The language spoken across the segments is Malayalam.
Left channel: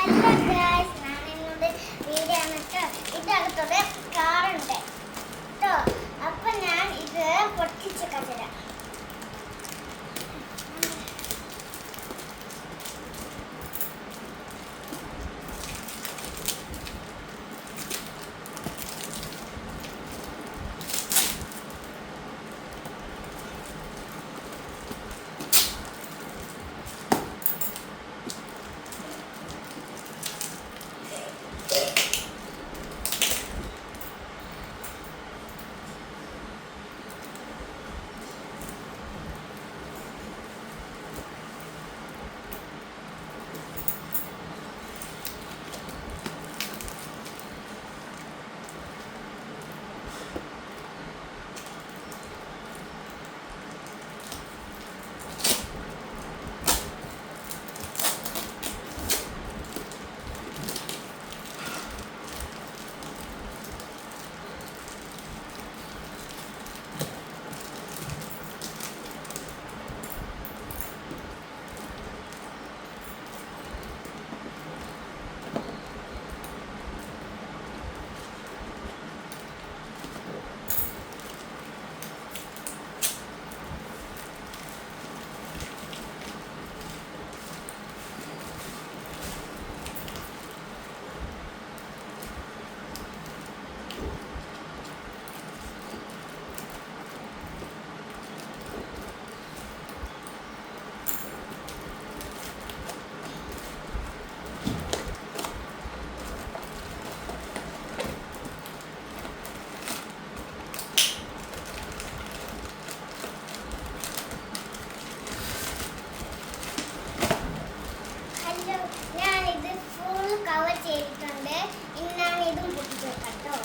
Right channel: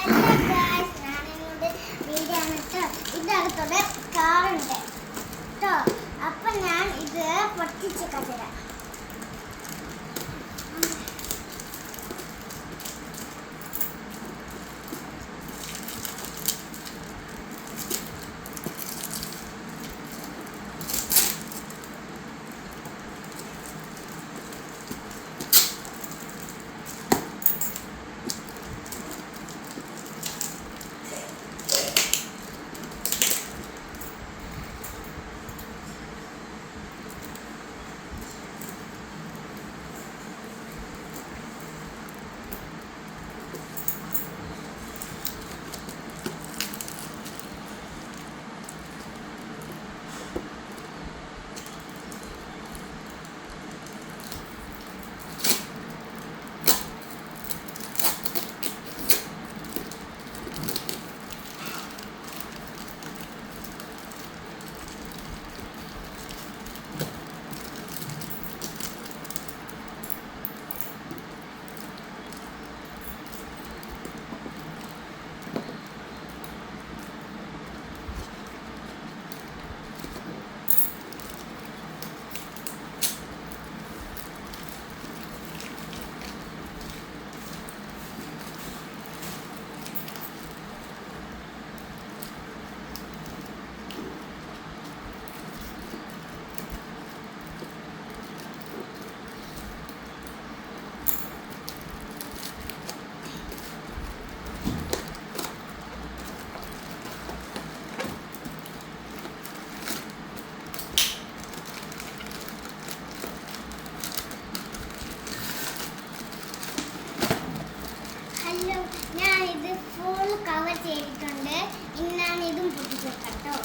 ഹലോ ഗായ്സ്, ഞാൻ ഇങ്ങോട്ട് വീഡിയോ ഇതിനകത്തോടെ കാറുണ്ട് കേട്ടോ. അപ്പം ഞാൻ ഇത് പൊട്ടിച്ച് കണ്ടുതരാം. ഞാൻ ഇത് ഫുൾ കവർ ചെയ്തിട്ടുണ്ട്. ഇനി ഞാൻ ഇതും പൊട്ടിച്ചേക്കാം കേട്ടോ.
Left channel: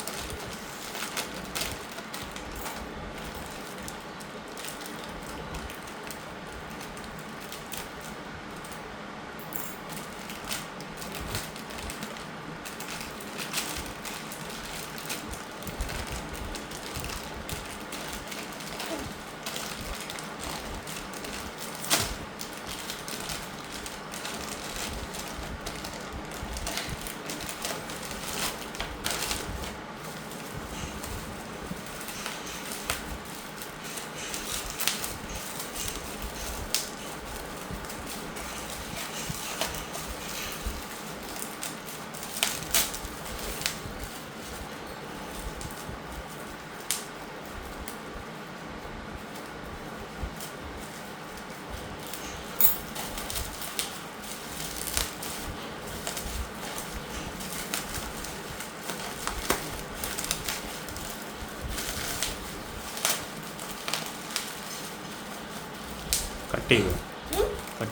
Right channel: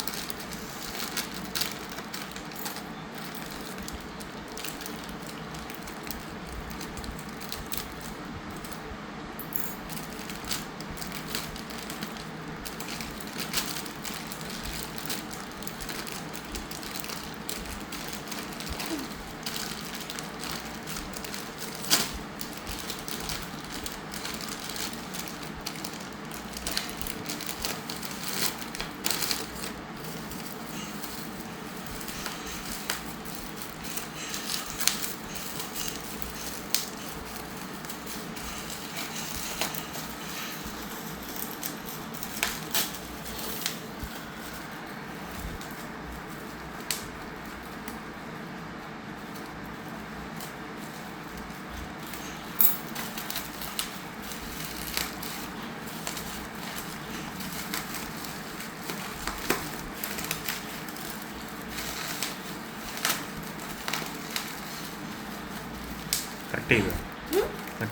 കട്ട്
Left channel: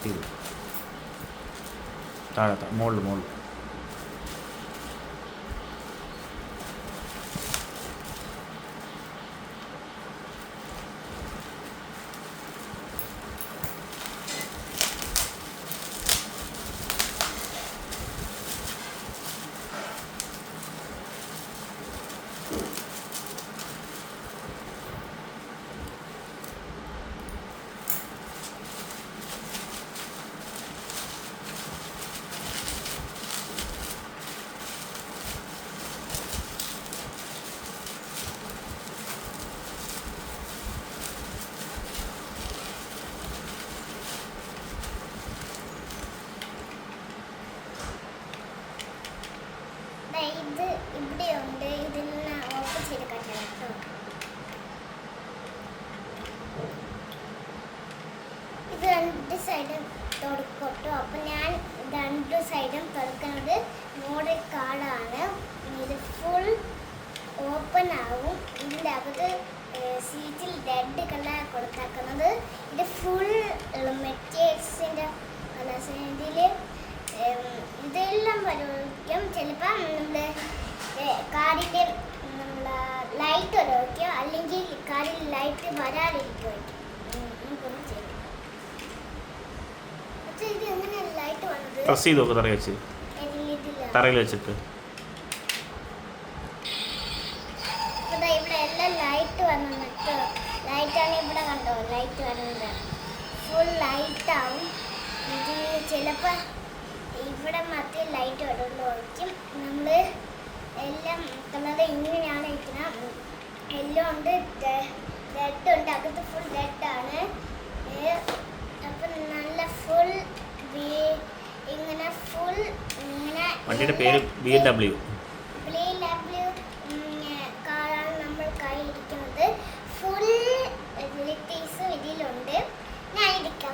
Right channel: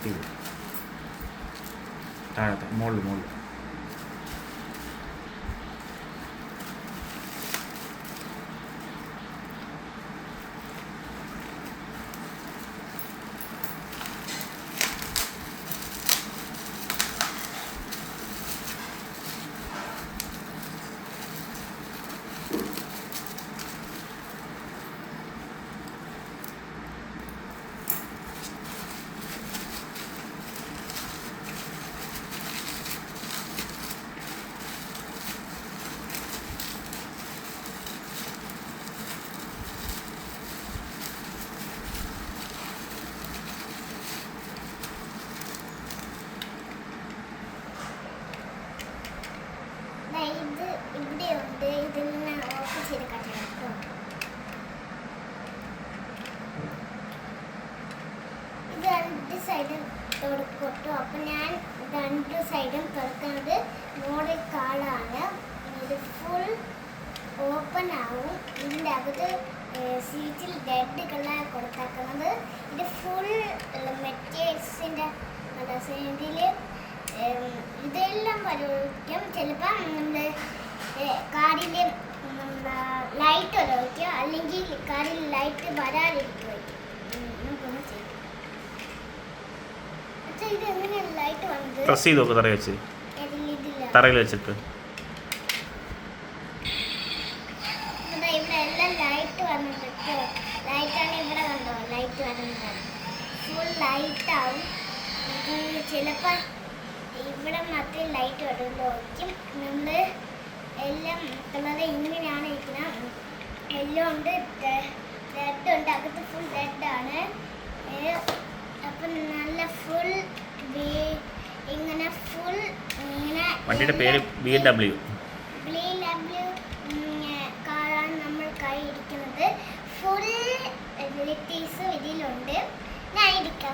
ചെയ്ത് താഴെ മുകളിൽ ഇത് ഇവിടെയുണ്ട്. ഇതിനെ ഓഫ് ചെയ്ത് കണ്ടോ. ഇത് രണ്ട് സൈഡും തുറക്കട്ടോ. അപ്പം ഞാൻ രണ്ട് സൈഡും തുറക്കുന്നത് മോഡൽ കാർഡാണ്. ഇത് ഫുൾ ഓപ്പൺ ആവും. ഇതിൻ്റെ അകത്ത് സീറ്റിൽ റെഡ് കളർ കൊടുത്തേക്കുന്നത്. ഇത് ഫുൾ മെറ്റീരിയൽസിൻ്റെ കളേഴ്സ്. ഇതിൽ ഇതെല്ലാം വരയ്ക്കും. ചിലപ്പോൾ നമ്മുടെ കാറിൻ്റെ ലൈറ്റ് വരയ്ക്കും, അല്ലെങ്കിൽ കാറിൽ ലൈറ്റ് വരാതിരിക്കുമായിരിക്കും. നമുക്കൊന്ന് ചെയ്യാം. പക്ഷേ ഇത് എങ്ങനെയാണ് ലൈറ്റ് വന്നത്? പ്രസ് ചെയ്ത് നോക്ക് തറയിൽ വെച്ചിട്ട്. ഇവിടെ എല്ലാം ലൈറ്റ് വന്നിട്ട് ലൈറ്റാണ് ഇവിടെ കണ്ടോ. ലൈറ്റ് വരുന്നത് ഫുൾ ലൈറ്റ് ആവും. ഇത് ചിലപ്പോൾ ഇവിടെ മാത്രമേ ലൈറ്റ് കളറിൽ ഒഴിക്കും. നമ്മൾ എല്ലാം കളർ ഇങ്ങനെയാണ് ഇരിക്കുന്നത്. യെല്ലോ ഉണ്ട്, റെഡ് ഉണ്ട്, അകത്ത് ഫുൾ റെഡാണ്. അപ്പം നല്ല ഫുൾ ഇങ്ങനെ ഫുൾ ഇങ്ങനെ വണ്ടിയുടെ പേര് BMW. കാറാണ് നമ്മൾ കൈ ഇരിക്കുന്നത്. ഫുൾ ലിറ്റീസും ഇതിലുണ്ട്. ഞാൻ ഇരിക്കാം.